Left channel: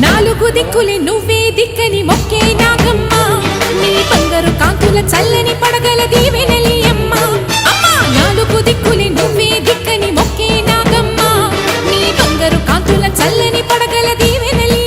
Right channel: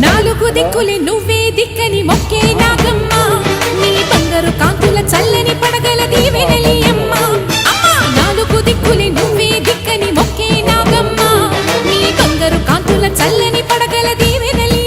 నాలుగు దిక్కులే నువ్వే దిక్కని మొక్కే నాగమ్మ నీ బంగారు కాంతుల చల్లని పడగల దీవెనలి అమ్మ అమ్మా నాలుగు దిక్కులే నువ్వే దిక్కని మొక్కే నాగమ్మ నీ బంగారు కాంతుల చల్లని పడగల దీవెనలి